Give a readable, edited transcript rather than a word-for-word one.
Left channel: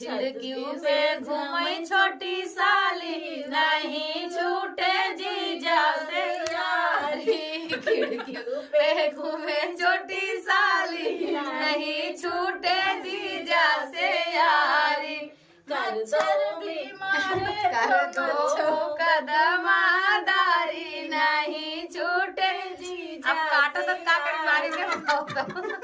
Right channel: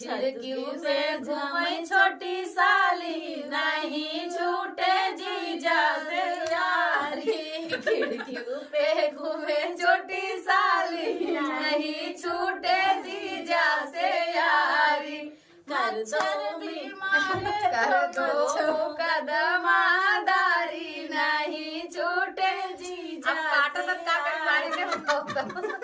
खिड़कियों पे घूमे छोटी साली नहीं छूटे जीजा से यारी। खिड़कियों पे घूमे छोटी साली नहीं छूटे जीजा से यारी। मच्छर बीमार कर दो कदमादारी नहीं छूटे जीजा। अब काटो तो काट मारेंगे हम।